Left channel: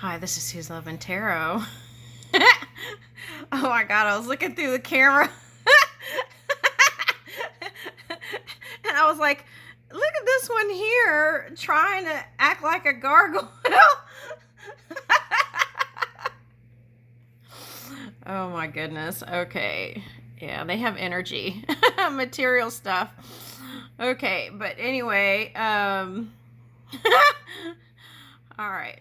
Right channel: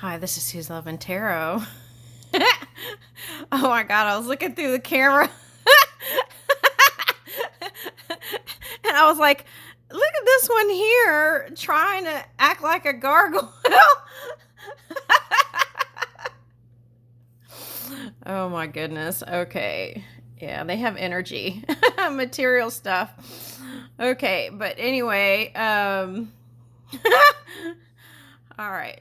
Hi, this is Who's Loving Tarot. Oh my god, I was looking through the camera and I was like, look at this one here trying to act like a gargoyle. Oh my goodness. Okay. Yeah, they have energy. Material stuff. Okay, but anyway, all right.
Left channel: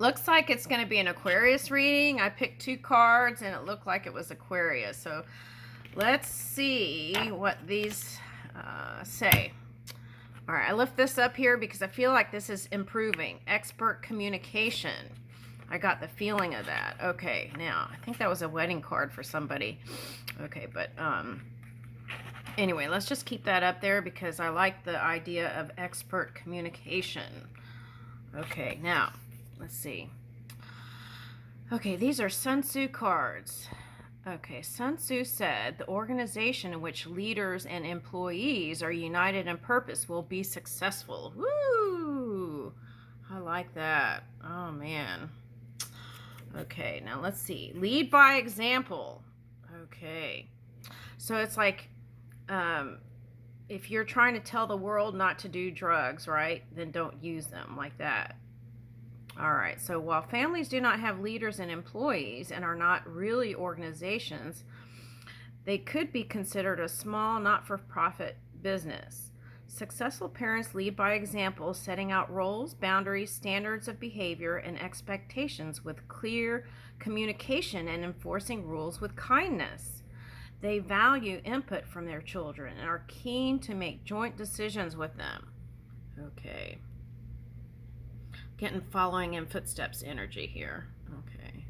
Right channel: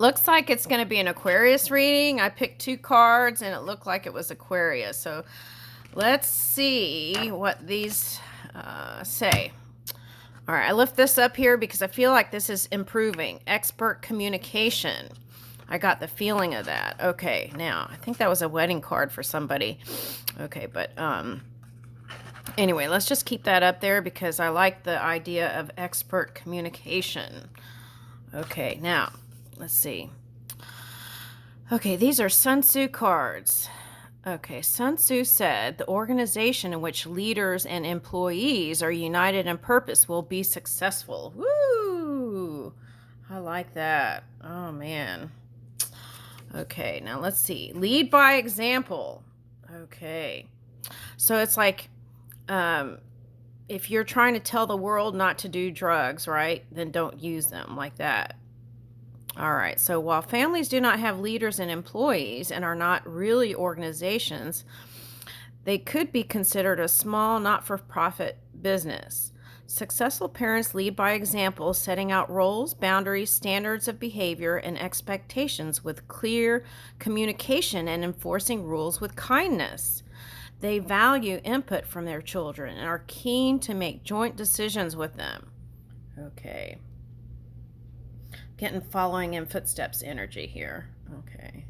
Looks like it's going to be an Aquarius reading. I picked two cards and it looked like it was Aquarius. So let's see what these say. All right, I lift this up here because I feel like this is improving. Expert communication. I got the feeling of that. Okay, now, I think that was a wedding card for somebody. Okay, but anyway, let's just keep that up there because I like the idea of expert communication. Okay, now, let's see. Okay, these are Sun Tzu cards. Okay, Sun Tzu said the organization in which leaders and employees are united in purpose will be successful. Woo! I like that. Oh, man. Okay, now let's see. Lead by example. Okay. So it's like if you're trying to tell the world not to do drugs, right, then don't use them like that. All right, so while families do not have leaders and employees and are not really organizations, they could be considered a small, not-for-profit business. Successful parents lead by example, setting out roles, boundaries, standards of behavior, and expectations with clear communication and enforcing rules with kindness. They value input from their children and are keen to make joint decisions with them. Okay. Getting following in footsteps energy here. Okay.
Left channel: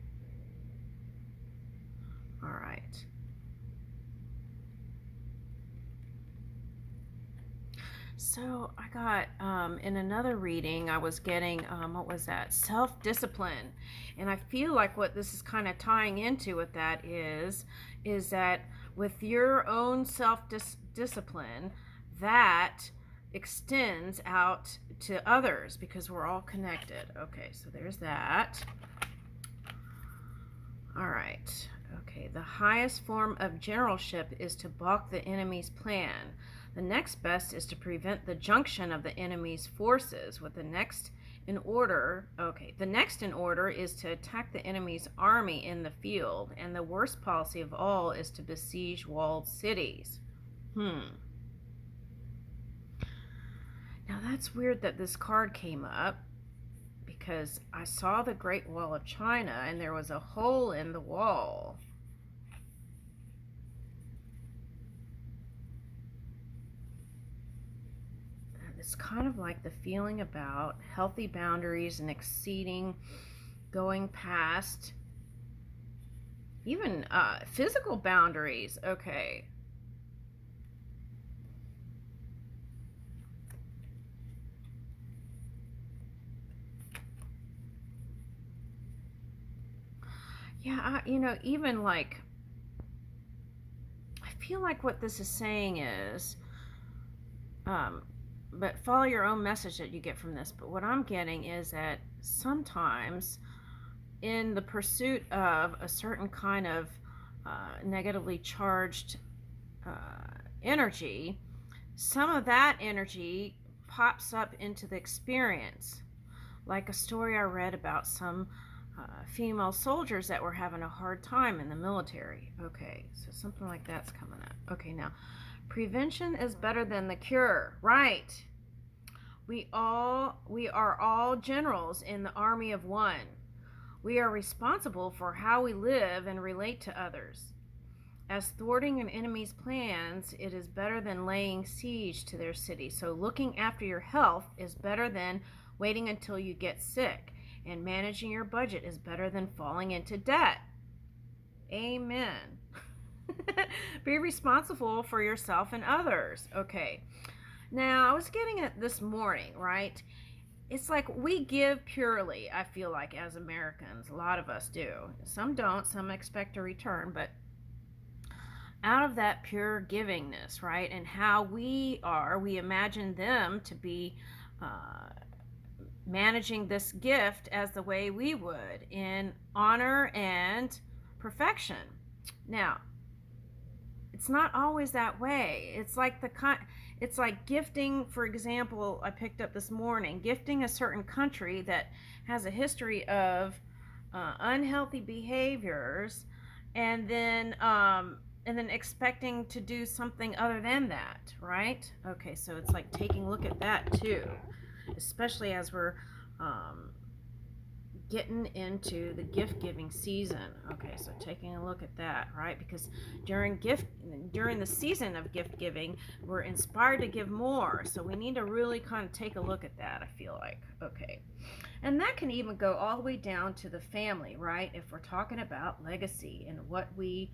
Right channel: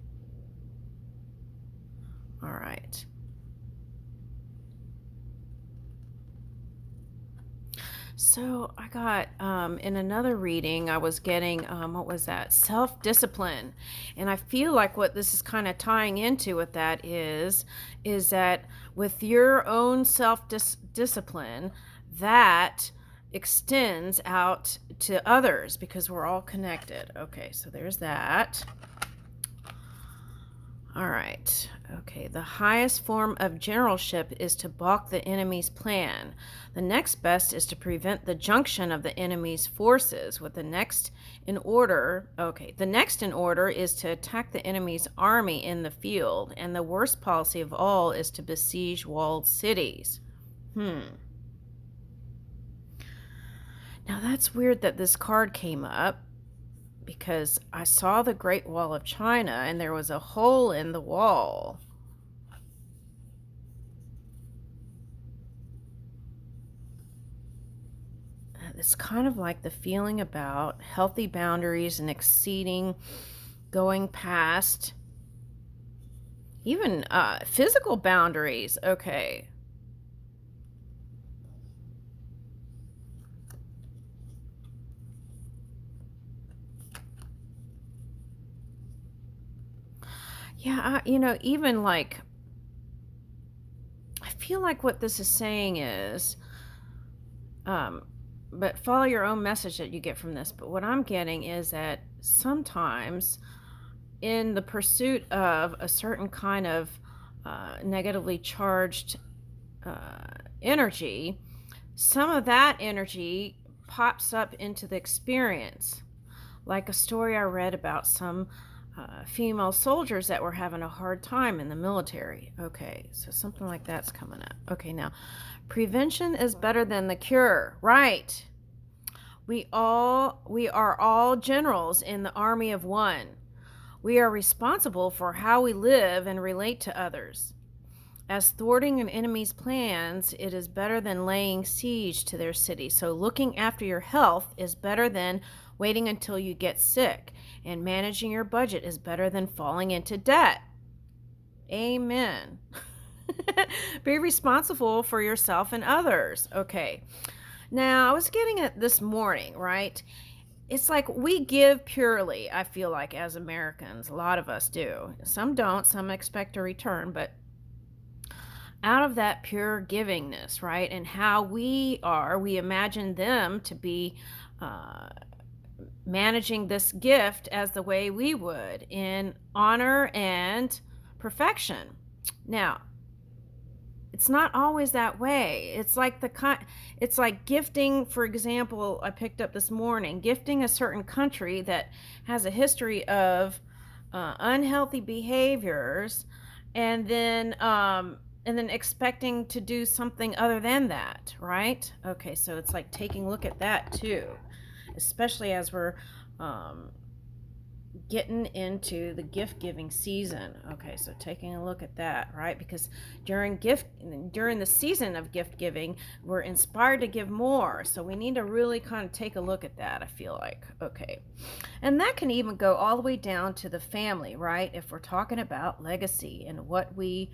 All right. So I got in another reading, I was getting what was that? Self-discipline. And I feel like what this is kind of tying into with that is that with your own self-discipline, that extends out to others because we're all connected. Okay, so there's that. All right. Okay, the highest form of generalship is to balk the enemy's plan. The next best is to prevent the junction of the enemy's forces with the next in order. Okay, the next in order is to attack the enemy's army in the field, and the worst policy of all is to besiege walled cities. Now that's weird that this card came up because I saw the Great Wall of China and there was a hole in the wall. It's kind of like the feeling about healthy boundaries and exceeding, going past, even physical boundaries. Okay. Yeah, even like, I feel like what this is saying is, but follow your own message that you get from this. But what I'm getting is that sometimes in the pursuit of a certain kind of negatively charged energy, some of that energy pops up into the experience. Like a story I read about some female soldiers that were having a hard time in the military. Okay, so something like that's coming up. Okay, now, prevention is better than the cure. Right. We are all generals in the army of one. We are responsible for how we live and relate to others. As thwarting an enemy's plans, it is better than laying siege to their city. So looking after your health is better than waiting until you get sick. And managing your budget is better than falling into debt. Amen. Be responsible for yourself and others. Okay. Now, I was getting it this morning, right? It's like we give purely, I feel like, as Americans. A lot of us do. Some don't. Some expect a return, but out of that pure givingness, right? And how we imagine them to be managing this gift as the way we would, in honor and perfection. Now, it's not always that way. It's like gifting, for example, I picked up this morning, gifting a certain country that has a history of unhealthy behaviors, and then expecting to do something other than that, right? Okay, so it's like taking a look at that too, especially as we're um, getting into the gift giving season. Okay, so taking a look at that, right? Because during the season of gift giving, we're inspired to give more. So we need to really kind of take a look at that, I feel like. Okay. And that can even go all the way down to the family, right? If we're talking about legacy and what we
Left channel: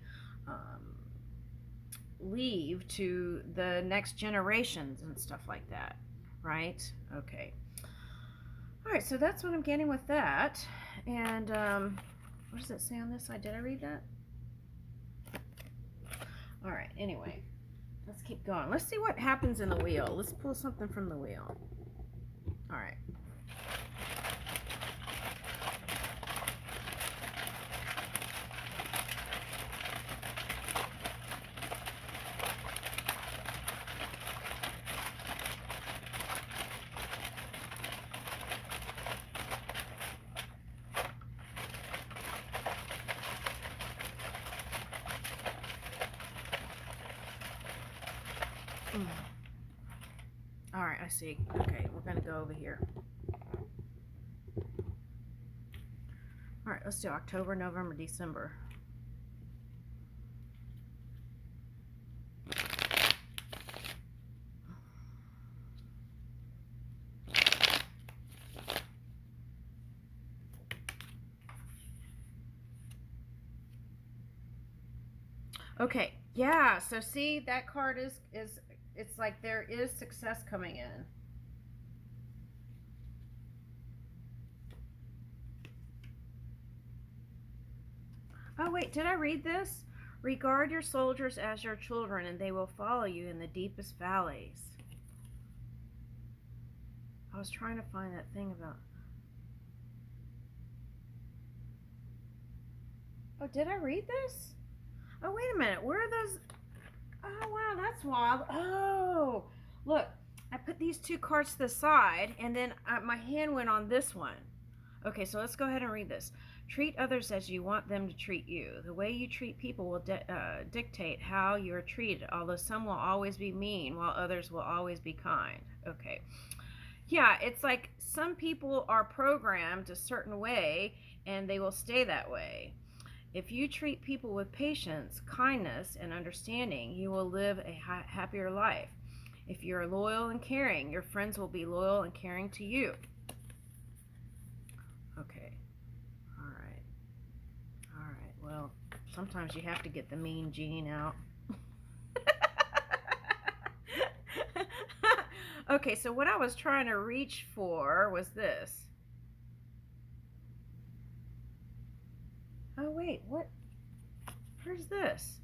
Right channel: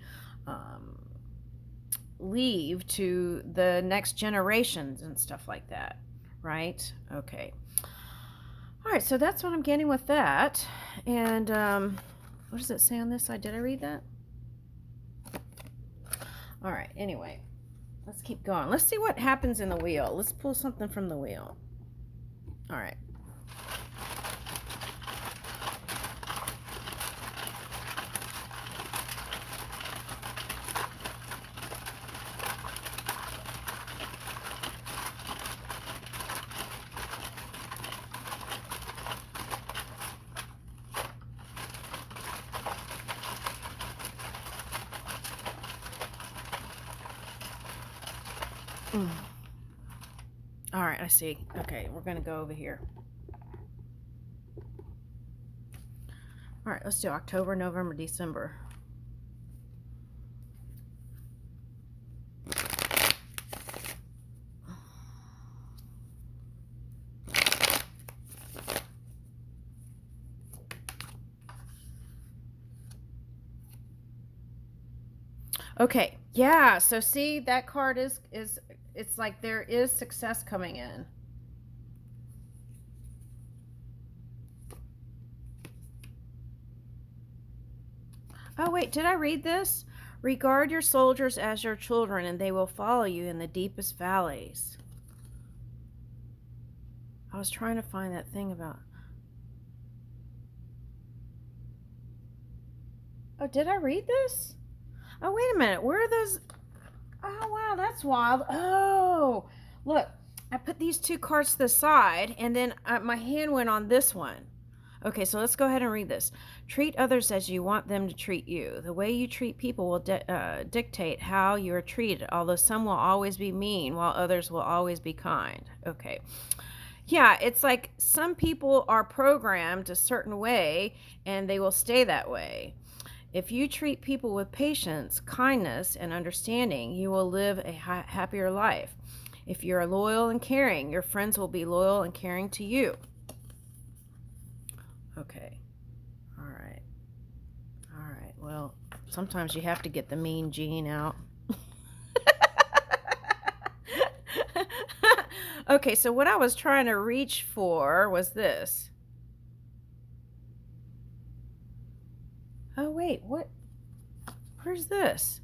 leave to the next generations and stuff like that, right? Okay. All right, so that's what I'm getting with that. And what does it say on this side? Did I read that? All right, anyway, let's keep going. Let's see what happens in the wheel. Let's pull something from the wheel. All right. All right, I see. Okay, we're going to go over here. All right, let's do October, November, December. Okay, yeah, so see, that card is it's like there is success coming in. Oh, wait, did I read this? Regard your soldiers as your children, and they will follow you in the deepest valleys. I was trying to find that thing about. Oh, did I read this? Oh, wait a minute. Where are those? Oh, wow, that's wild. Oh, look, I put these two cards to the side, and then my hand went on this one. Okay, so let's go ahead and read this. Treat others as you want them to treat you. The way you treat people will dictate how you are treated, although some will always be mean while others will always be kind. Okay. Yeah, it's like some people are programmed a certain way and they will stay that way. If you treat people with patience, kindness, and understanding, you will live a happier life. If you're loyal and caring, your friends will be loyal and caring to you. Okay. All right. All right. Well, sometimes you have to get the mean gene out. Okay, so what I was trying to reach for was this. Oh, wait, what? Where's this?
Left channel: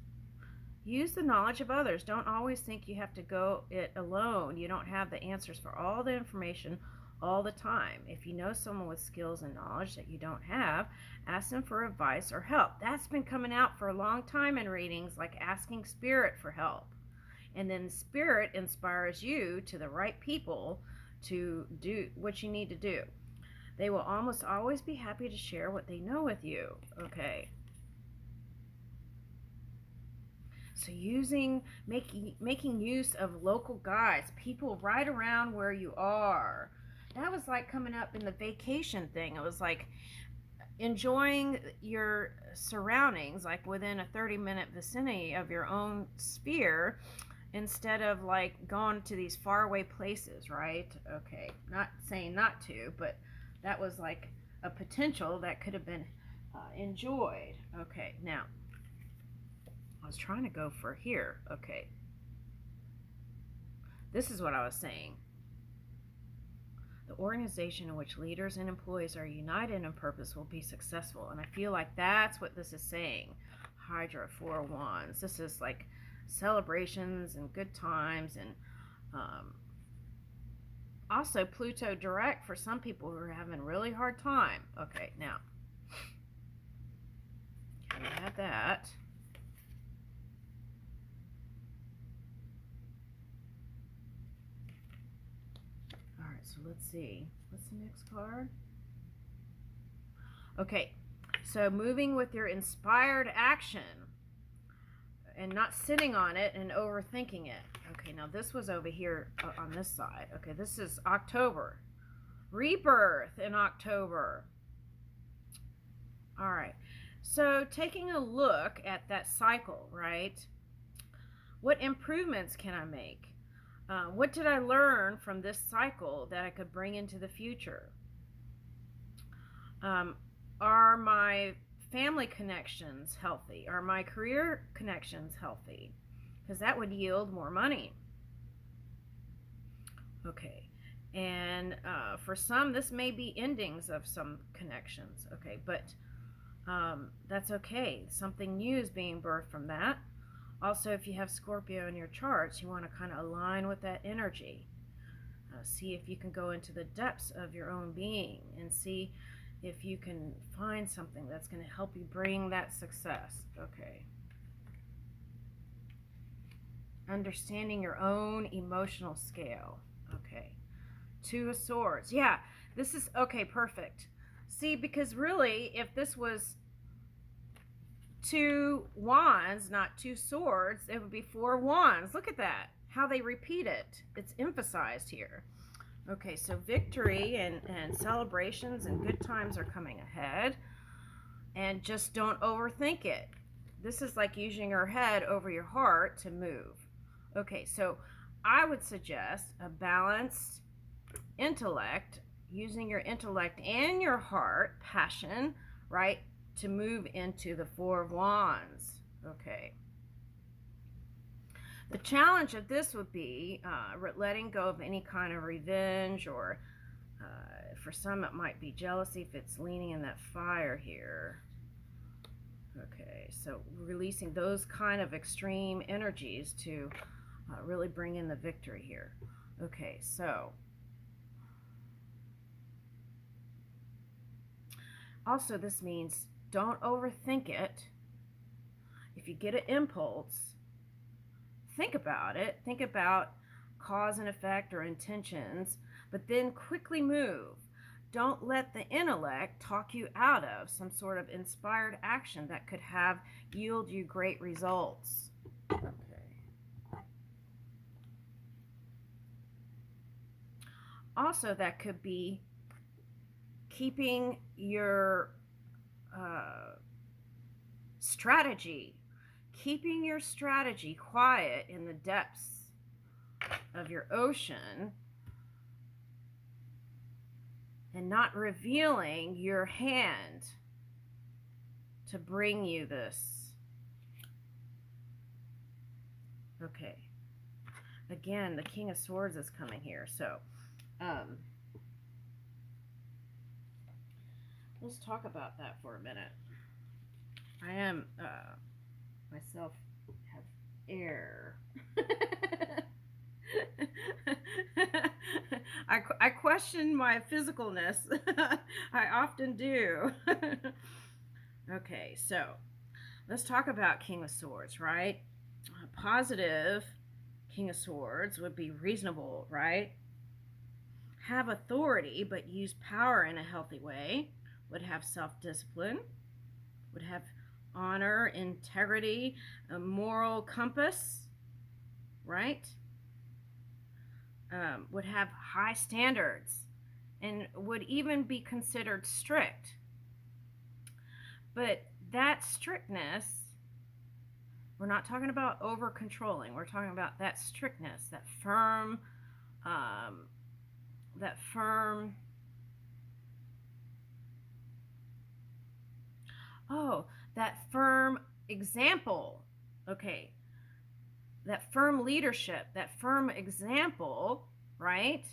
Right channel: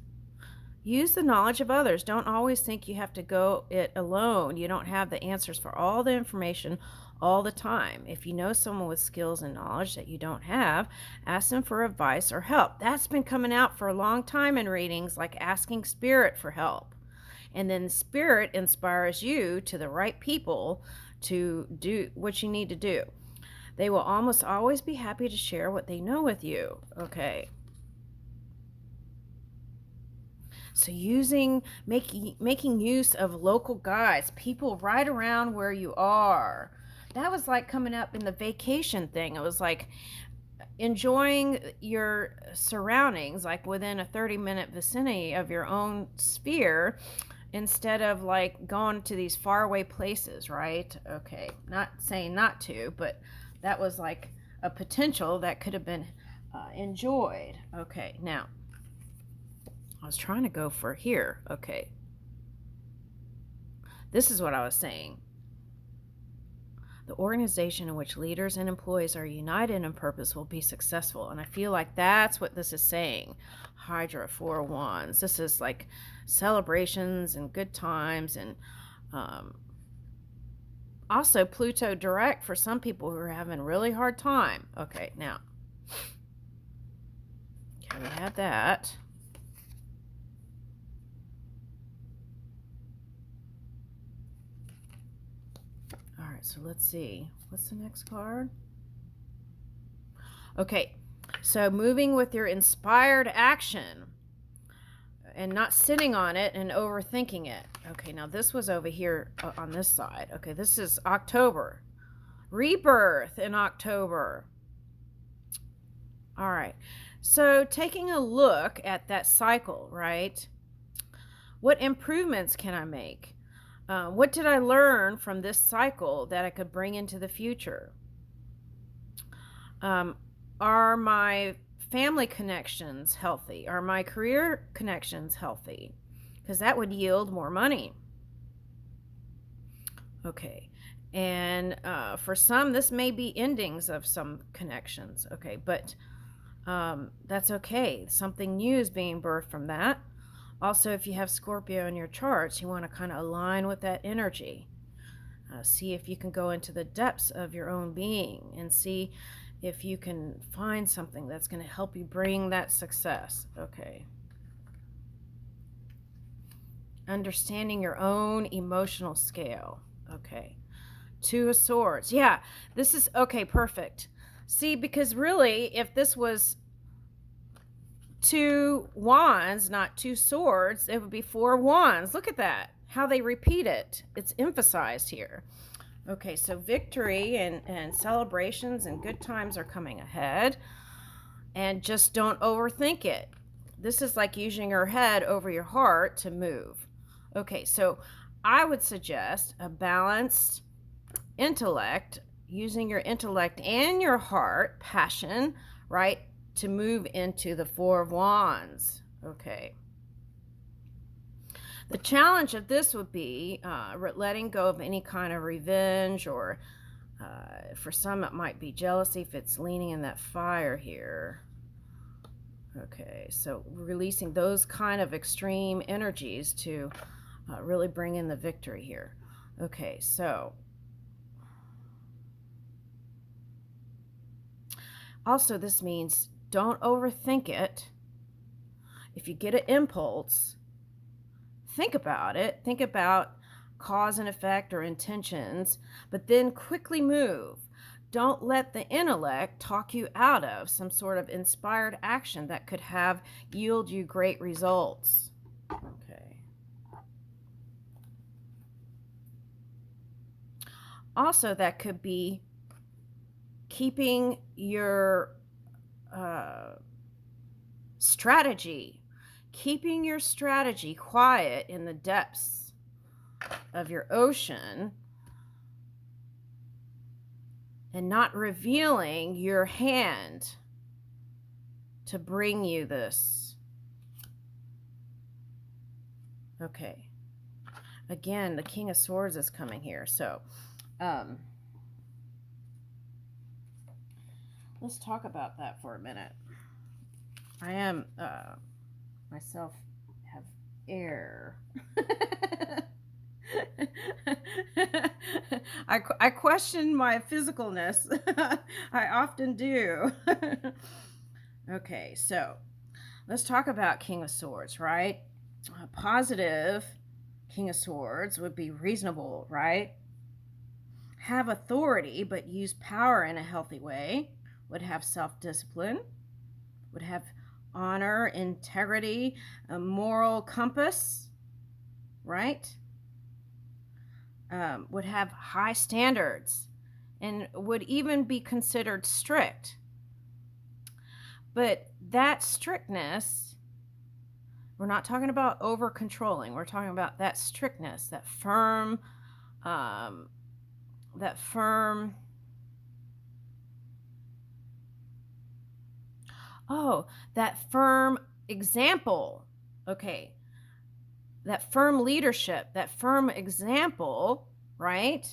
Use the knowledge of others. Don't always think you have to go it alone. You don't have the answers for all the information all the time. If you know someone with skills and knowledge that you don't have, ask them for advice or help. That's been coming out for a long time in readings, like asking Spirit for help. And then Spirit inspires you to the right people to do what you need to do. They will almost always be happy to share what they know with you. Okay. So making use of local guides, people right around where you are. That was like coming up in the vacation thing. It was like enjoying your surroundings, like within a 30-minute vicinity of your own sphere, instead of like going to these faraway places, right? Okay, not saying not to, but that was like a potential that could have been enjoyed. Okay, now I was trying to go for here. Okay, this is what I was saying. The organization in which leaders and employees are united in purpose will be successful. And I feel like that's what this is saying. Hydra, 4 wands. This is like celebrations and good times and Also, Pluto direct for some people who are having a really hard time. Okay, now, okay, we have that. All right, so let's see. What's the next card? Okay, so moving with your inspired action and not sitting on it and overthinking it. Okay, now this was over here on this side. Okay, this is October. Rebirth in October. All right, so taking a look at that cycle, right? What improvements can I make? What did I learn from this cycle that I could bring into the future? Um, are my family connections healthy? Are my career connections healthy? Because that would yield more money. Okay. And for some, this may be endings of some connections. Okay. But that's okay. Something new is being birthed from that. Also, if you have Scorpio in your charts, you want to kind of align with that energy. See if you can go into the depths of your own being and see if you can find something that's going to help you bring that success. Okay. Understanding your own emotional scale. Okay. Two of Swords. Yeah, this is okay, perfect. See, because really, if this was two wands, not two swords, it would be four wands. Look at that. How they repeat it. It's emphasized here. Okay, so victory and celebrations and good times are coming ahead. And just don't overthink it. This is like using your head over your heart to move. Okay, so I would suggest a balanced intellect, using your intellect and your heart, passion, right, to move into the Four of Wands. Okay. The challenge of this would be letting go of any kind of revenge, or for some it might be jealousy if it's leaning in that fire here. Okay, so releasing those kind of extreme energies to really bring in the victory here. Okay, so also this means don't overthink it. If you get an impulse, think about it. Think about cause and effect or intentions, but then quickly move. Don't let the intellect talk you out of some sort of inspired action that could have yield you great results. Okay. Also, that could be keeping your strategy, keeping your strategy quiet in the depths of your ocean and not revealing your hand to bring you this. Okay. Again, the King of Swords is coming here. So, let's talk about that for a minute. I am, myself have air. I question my physicalness. I often do. Okay, so let's talk about King of Swords, right? Positive King of Swords would be reasonable, right? Have authority, but use power in a healthy way. Would have self-discipline. Would have honor, integrity, a moral compass, right? Would have high standards and would even be considered strict. But that strictness, we're not talking about over controlling. We're talking about that strictness, that firm, that firm. Oh, that firm example. Okay. That firm leadership, that firm example, right?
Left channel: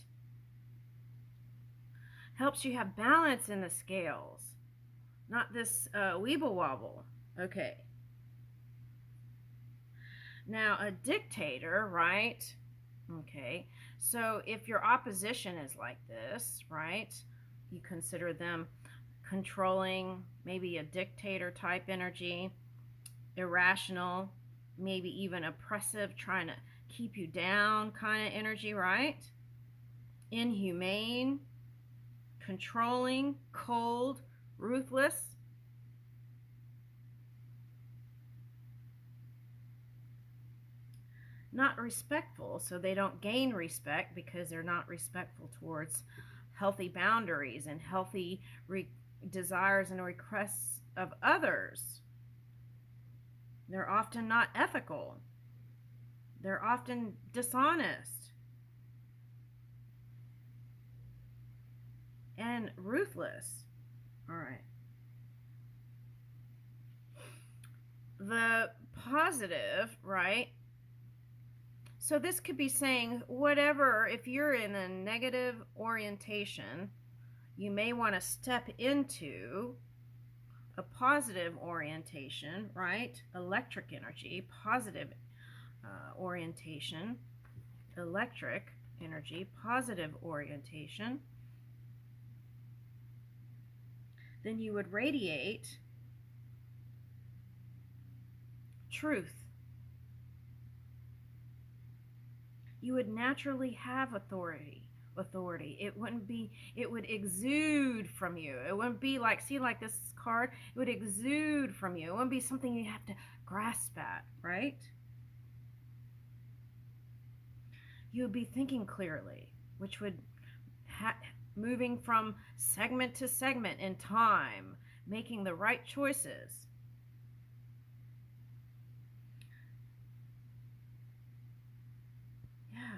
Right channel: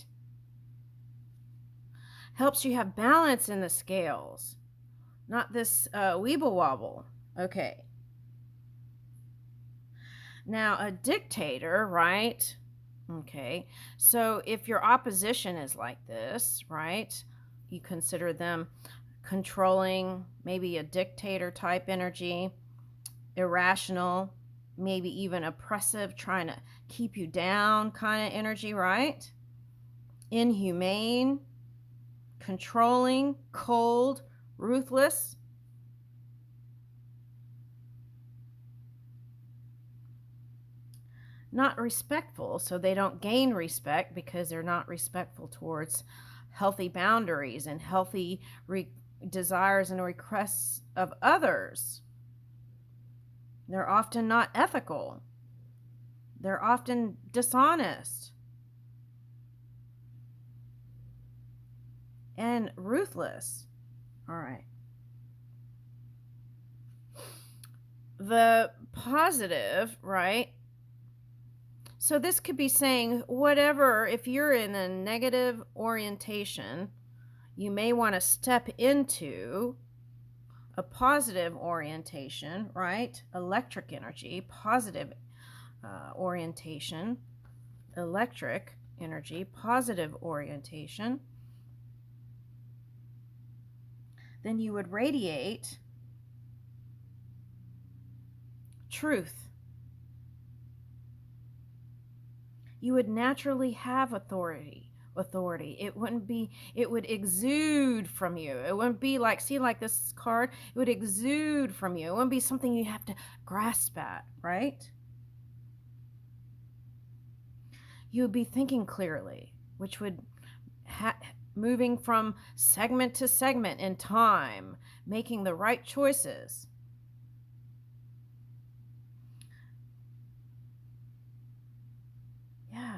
Helps you have balance in the scales, not this weeble wobble. Okay. Now, a dictator, right? Okay, so if your opposition is like this, right, you consider them controlling, maybe a dictator type energy, irrational, maybe even oppressive, trying to keep you down kind of energy, right? Inhumane, controlling, cold, ruthless. Not respectful, so they don't gain respect because they're not respectful towards healthy boundaries and healthy desires and requests of others. They're often not ethical. They're often dishonest and ruthless. All right. The positive, right? So this could be saying whatever, if you're in a negative orientation, you may want to step into a positive orientation, right? Electric energy, positive orientation, electric energy, positive orientation. Then you would radiate truth. You would naturally have authority. It would exude from you. It wouldn't be like, see, like this card, it would exude from you. It wouldn't be something you have to grasp at, right? You would be thinking clearly, which would moving from segment to segment in time, making the right choices. Yeah,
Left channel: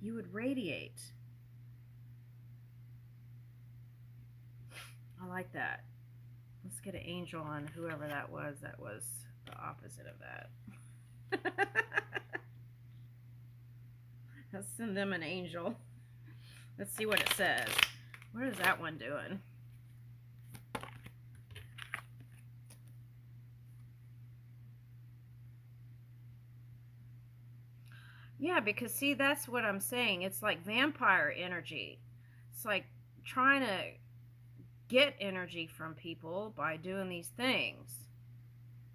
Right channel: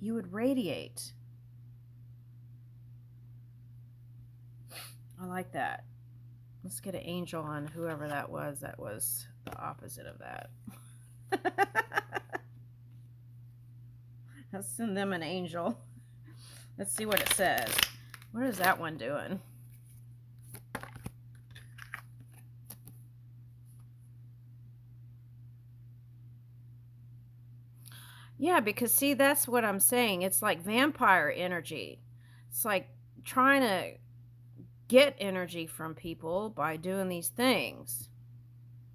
you would radiate. I like that. Let's get an angel on whoever that was. That was the opposite of that. Let's send them an angel. Let's see what it says. What is that one doing? Yeah, because see, that's what I'm saying. It's like vampire energy. It's like trying to get energy from people by doing these things.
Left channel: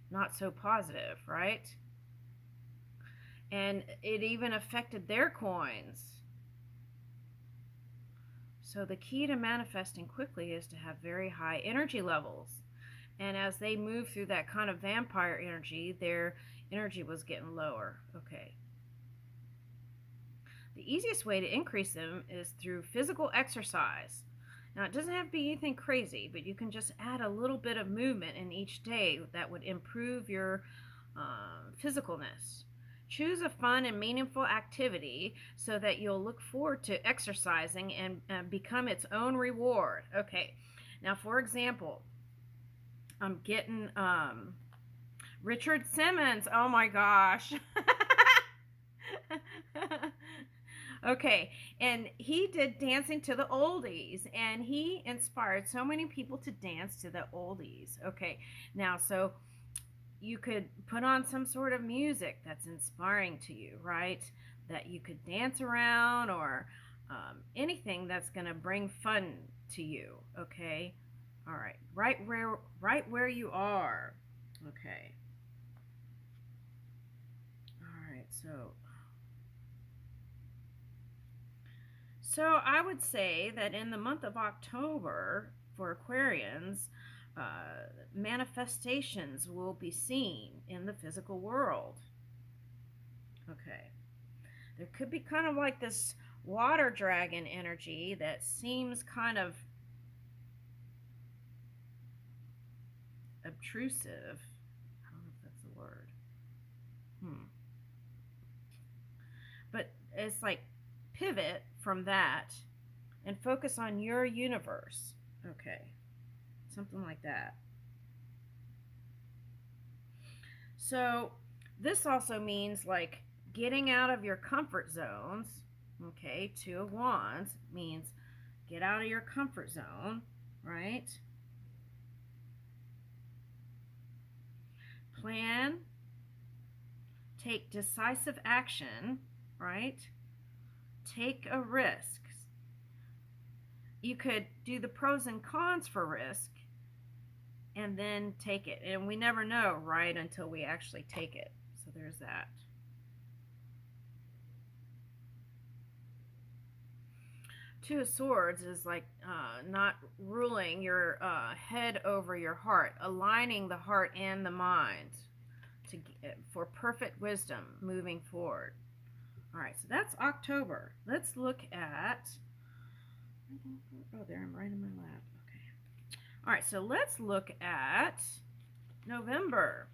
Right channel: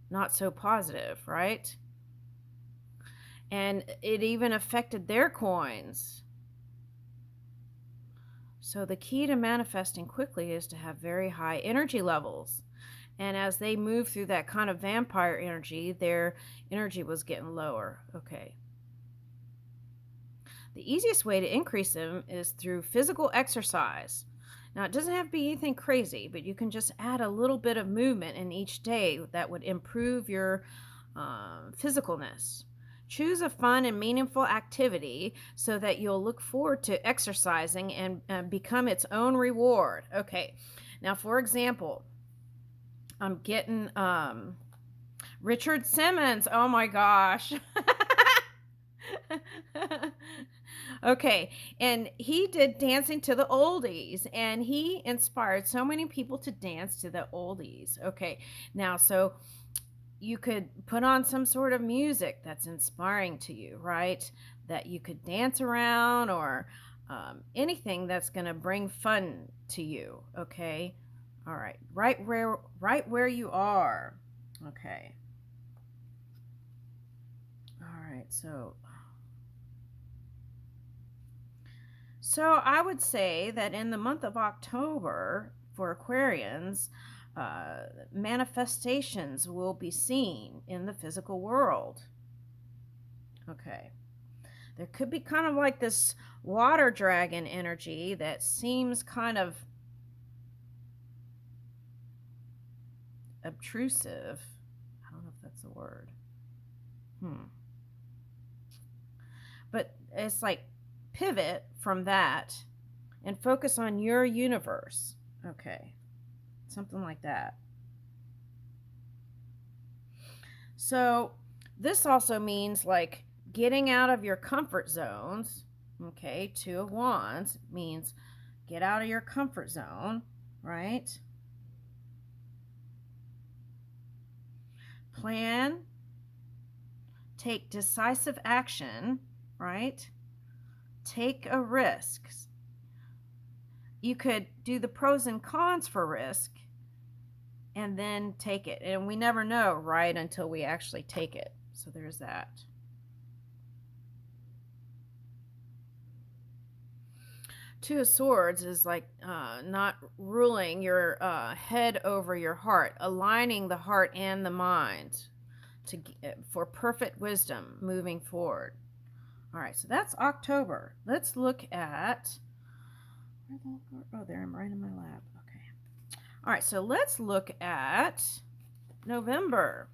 Not so positive, right? And it even affected their coins. So the key to manifesting quickly is to have very high energy levels. And as they move through that kind of vampire energy, their energy was getting lower. Okay. The easiest way to increase them is through physical exercise. Now, it doesn't have to be anything crazy, but you can just add a little bit of movement in each day that would improve your physicalness. Choose a fun and meaningful activity so that you'll look forward to exercising and become its own reward. Okay, now, for example, I'm getting Richard Simmons. Oh my gosh. Okay, and he did Dancing to the Oldies, and he inspired so many people to dance to the oldies. Okay, now, so you could put on some sort of music that's inspiring to you, right? That you could dance around, or anything that's going to bring fun to you. Okay, all right, right where you are. Okay, all right, so I would say that in the month of October for Aquarians, manifestations will be seen in the physical world. Okay. There could be kind of like this water dragon energy that seems kind of obtrusive. I don't know if that's a word. But it's like pivot from that and focus on your universe. Okay. Something like that. So this also means like getting out of your comfort zones. Okay, Two of Wands means get out of your comfort zone, right? Plan, take decisive action, right? Take a risk. You could do the pros and cons for risk and then take it. And we never know, right, until we actually take it. So there's that. Two of Swords is like not ruling your head over your heart, aligning the heart and the mind to for perfect wisdom moving forward. All right, so that's October. Let's look at. Oh, there I'm right in my lap. Okay. All right, so let's look at November.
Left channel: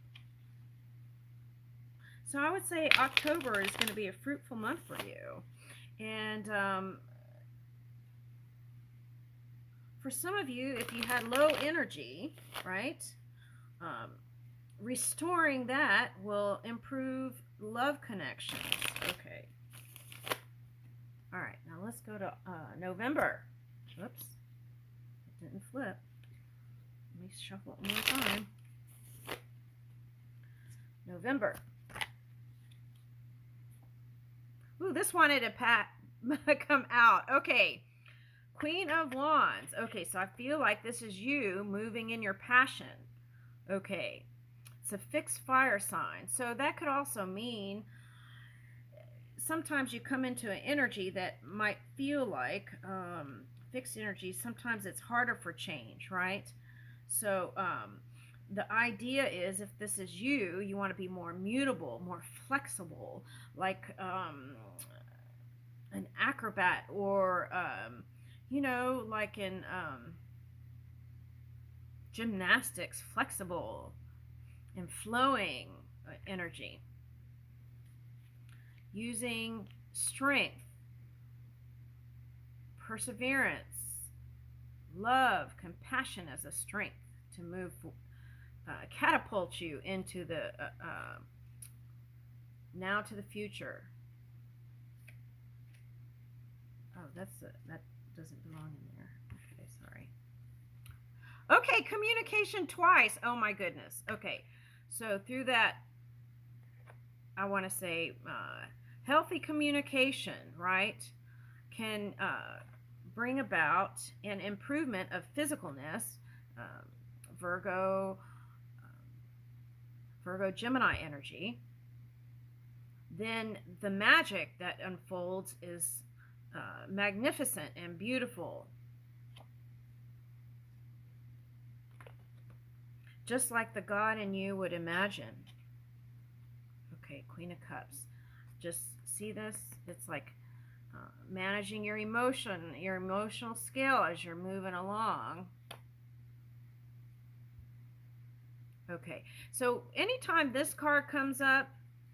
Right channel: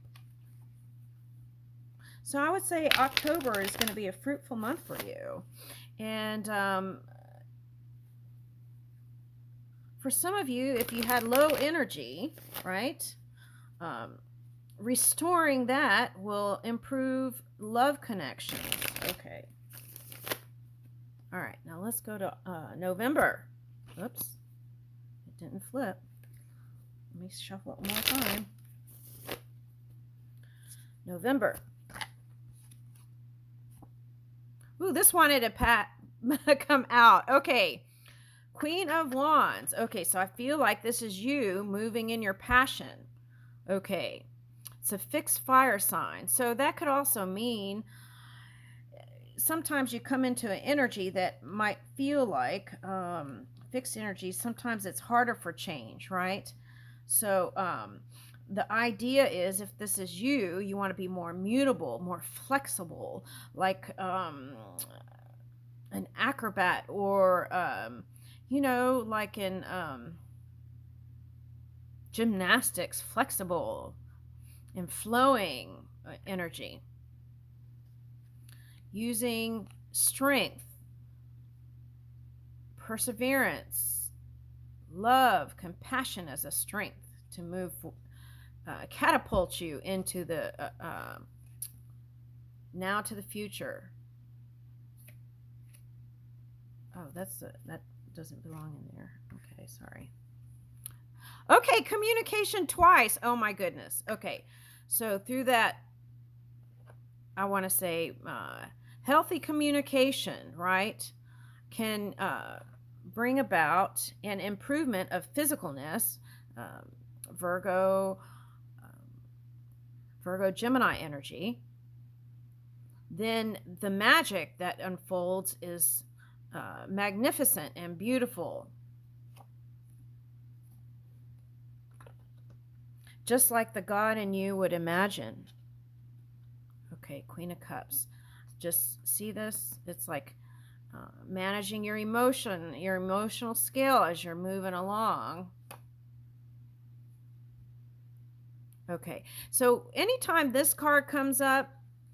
So I would say October is going to be a fruitful month for you. And for some of you, if you had low energy, right, restoring that will improve love connections. Okay. All right, now let's go to November. Oops, it didn't flip. Let me shuffle it one more time. November. Ooh, this wanted to come out. Okay. Queen of Wands. Okay, so I feel like this is you moving in your passion. Okay. It's a fixed fire sign. So that could also mean sometimes you come into an energy that might feel like fixed energy. Sometimes it's harder for change, right? So the idea is if this is you, you want to be more mutable, more flexible, like an acrobat or, like in gymnastics, flexible and flowing energy. Using strength, perseverance, love, compassion as a strength to move, catapult you into the now to the future. Oh, that doesn't belong in there. Okay, sorry. Okay, communication twice. Oh my goodness. Okay, so through that, I want to say healthy communication, right, can bring about an improvement of physicalness. Virgo, Gemini energy. Then the magic that unfolds is magnificent and beautiful. Just like the God in you would imagine. Okay, Queen of Cups. Just see this? It's like managing your emotional scale as you're moving along. Okay, so anytime this card comes up,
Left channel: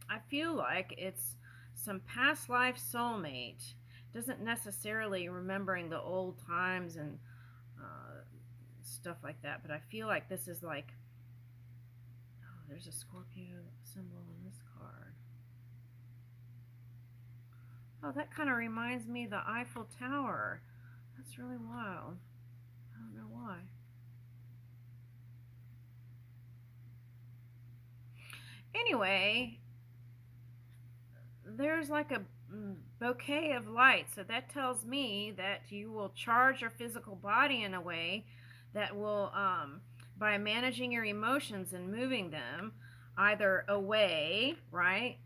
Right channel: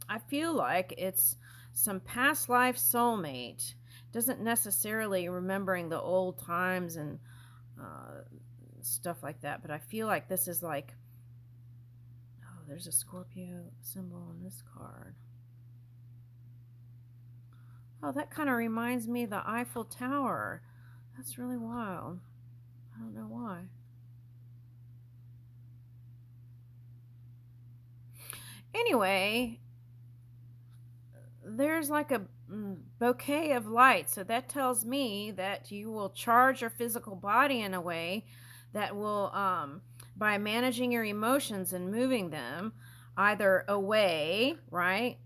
I feel like it's some past life soulmate. Doesn't necessarily remembering the old times and stuff like that, but I feel like this is like, oh, there's a Scorpio symbol on this card. Oh, that kind of reminds me of the Eiffel Tower. That's really wild. I don't know why. Anyway, there's like a bouquet of light. So that tells me that you will charge your physical body in a way that will, by managing your emotions and moving them either away, right,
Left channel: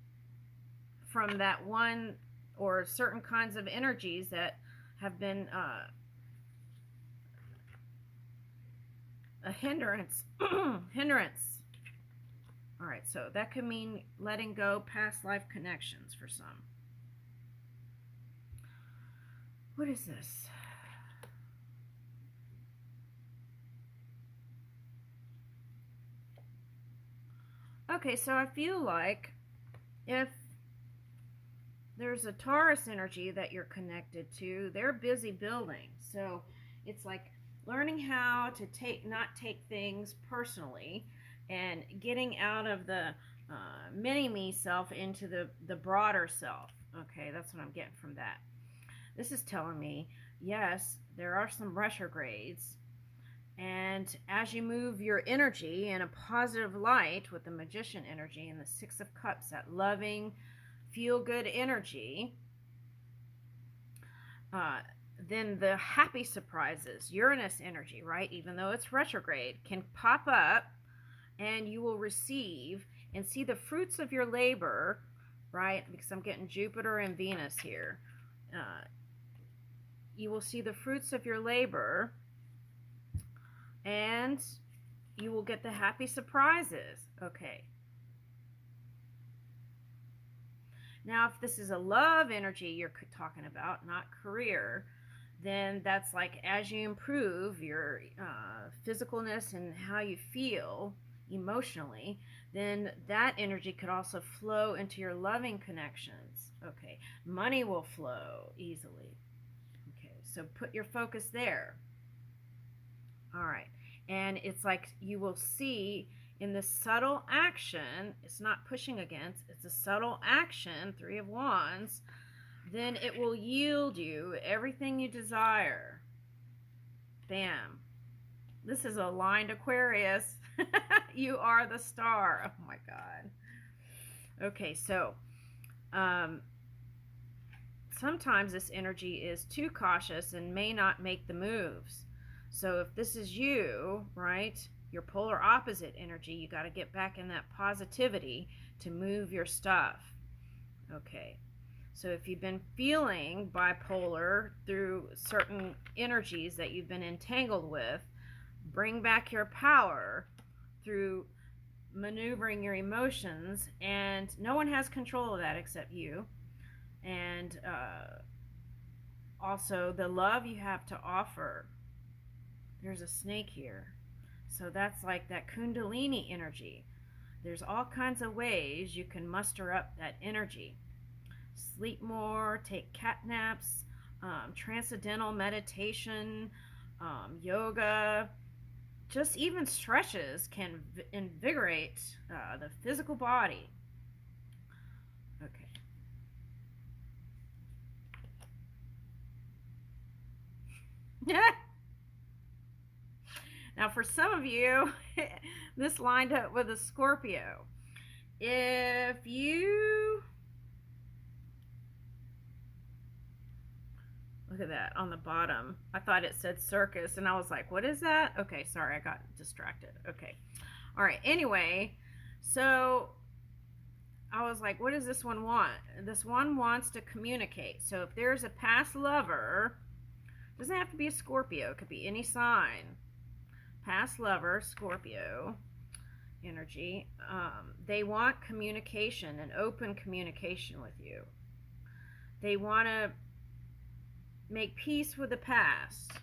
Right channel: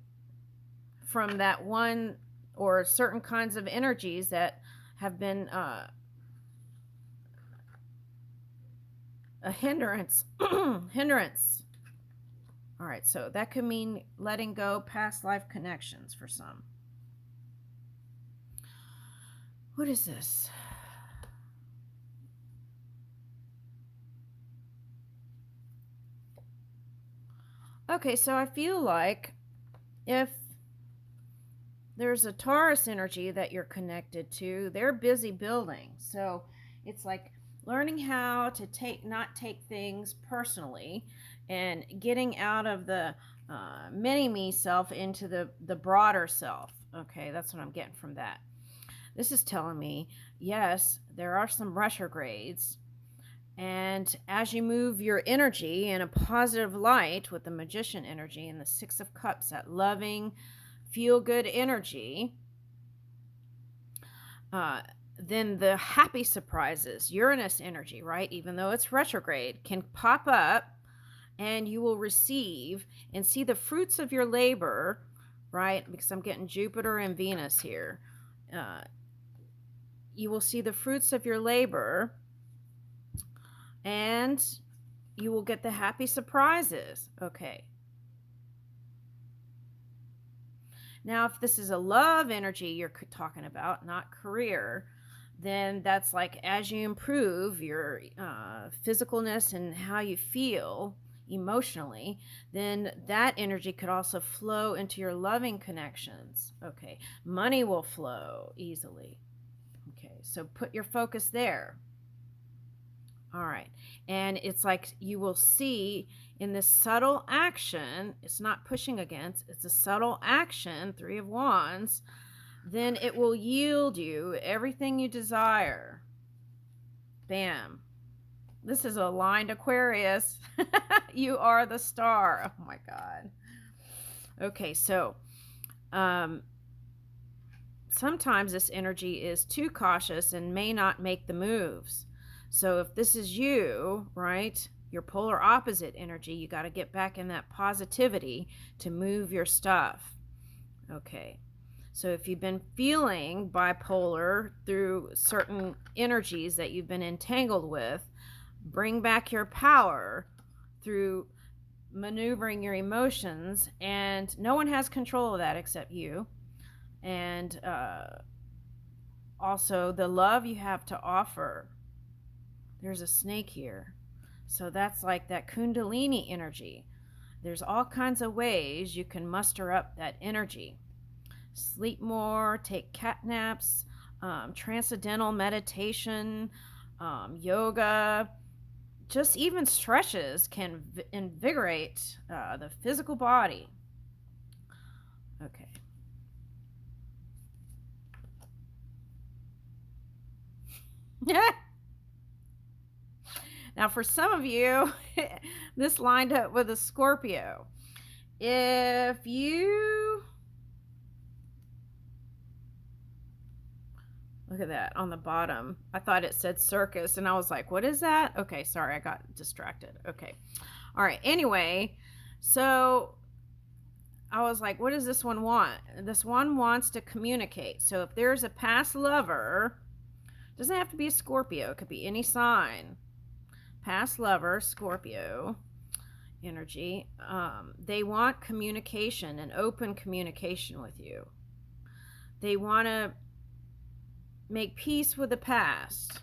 from that one or certain kinds of energies that have been a hindrance. hindrance. All right, so that could mean letting go past life connections for some. What is this? Okay, so I feel like if there's a Taurus energy that you're connected to, they're busy building. So it's like learning how to not take things personally and getting out of the mini me self into the broader self. Okay, that's what I'm getting from that. This is telling me, yes, there are some retrogrades. And as you move your energy in a positive light with the Magician energy and the Six of Cups, that loving, feel-good energy, then the happy surprises, Uranus energy, right, even though it's retrograde, can pop up, and you will receive and see the fruits of your labor, right? Because I'm getting Jupiter and Venus here. You will see the fruits of your labor, and you will get the happy surprises. Okay. Now, if this is a love energy you're talking about, not career, then that's like as you improve your physicalness and how you feel emotionally, then that energy could also flow into your loving connections. Okay. Money will flow easily. Okay. So put your focus there. All right. And it's like you will see in this subtle action, it's not pushing against, it's a subtle action, 3 of Wands, then it will yield you everything you desire. Bam. This is aligned Aquarius. You are the star. Oh my God. Okay, so sometimes this energy is too cautious and may not make the moves. So if this is you, right, your polar opposite energy, you got to get back in that positivity to move your stuff. Okay. So if you've been feeling bipolar through certain energies that you've been entangled with, bring back your power through maneuvering your emotions, and no one has control of that except you. And also the love you have to offer. There's a snake here. So that's like that Kundalini energy. There's all kinds of ways you can muster up that energy. Sleep more, take cat naps, transcendental meditation, yoga, just even stretches can invigorate the physical body. Okay. Now, for some of you, this lined up with a Scorpio. If you look at that on the bottom, I thought it said circus, and I was like, what is that? Okay, sorry, I got distracted. Okay. All right. Anyway, so I was like, what does this one want? This one wants to communicate. So if there's a past lover, doesn't have to be a Scorpio, it could be any sign. Past lover, Scorpio energy, they want communication and open communication with you. They want to make peace with the past.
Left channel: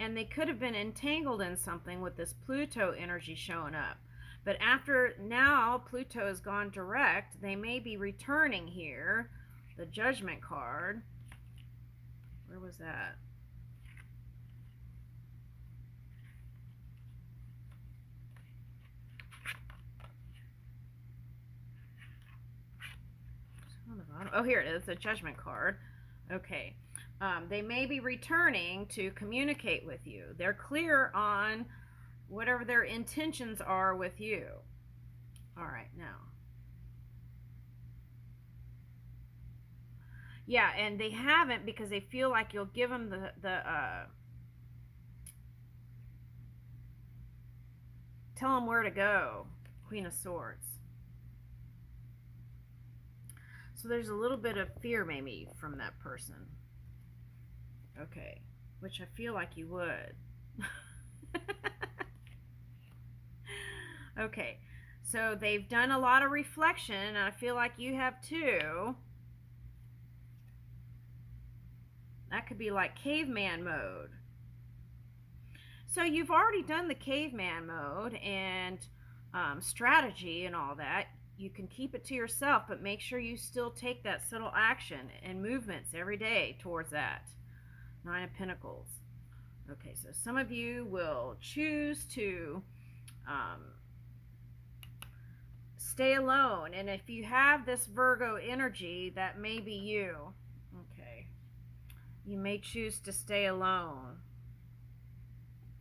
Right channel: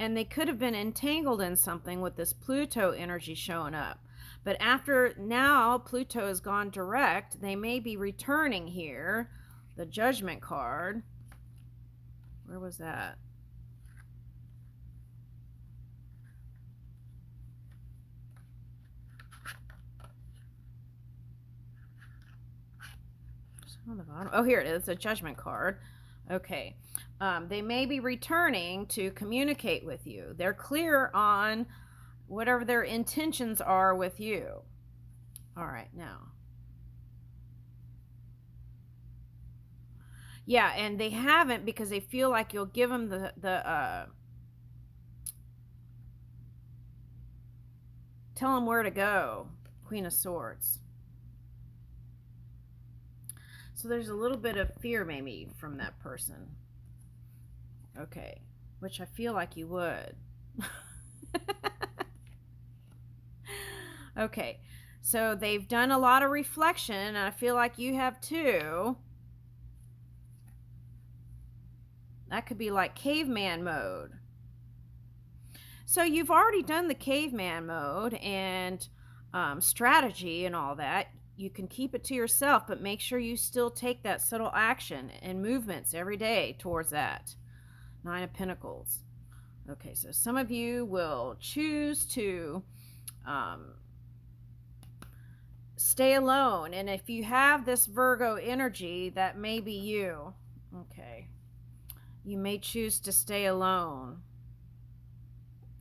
And they could have been entangled in something with this Pluto energy showing up. But after now Pluto has gone direct, they may be returning here. The Judgment card. Where was that? On the bottom. Oh, here it is, a Judgment card. Okay. They may be returning to communicate with you. They're clear on whatever their intentions are with you. All right, now. Yeah, and they haven't because they feel like you'll give them tell them where to go. Queen of Swords. So there's a little bit of fear maybe from that person. Okay, which I feel like you would. Okay, so they've done a lot of reflection, and I feel like you have too. That could be like caveman mode. So you've already done the caveman mode and strategy and all that. You can keep it to yourself, but make sure you still take that subtle action and movements every day towards that. 9 of Pentacles. Okay, so some of you will choose to stay alone. And if you have this Virgo energy, that may be you. Okay. You may choose to stay alone.